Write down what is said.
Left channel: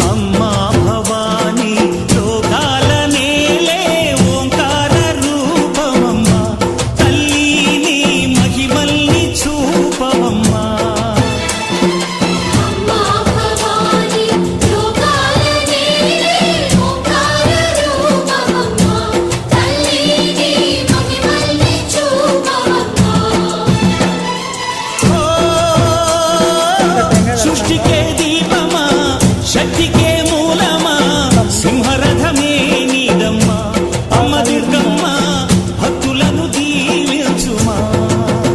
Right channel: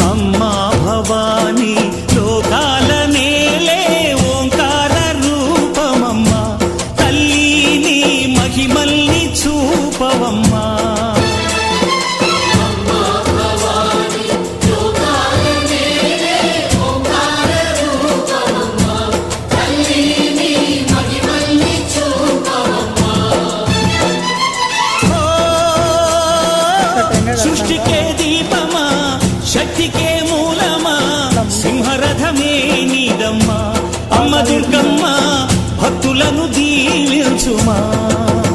అమ్మా భవానీ లోకాల నేలే ఓంకార రూపమమ్మా, తల్లి నీ మహిమల్ని చూపవమ్మా. సృష్టికే దీపమా, శక్తికే మూలమా, సింహరథమే నీదమ్మా. అమ్మ దుర్గమ్మ భక్తులను దీవించుమా.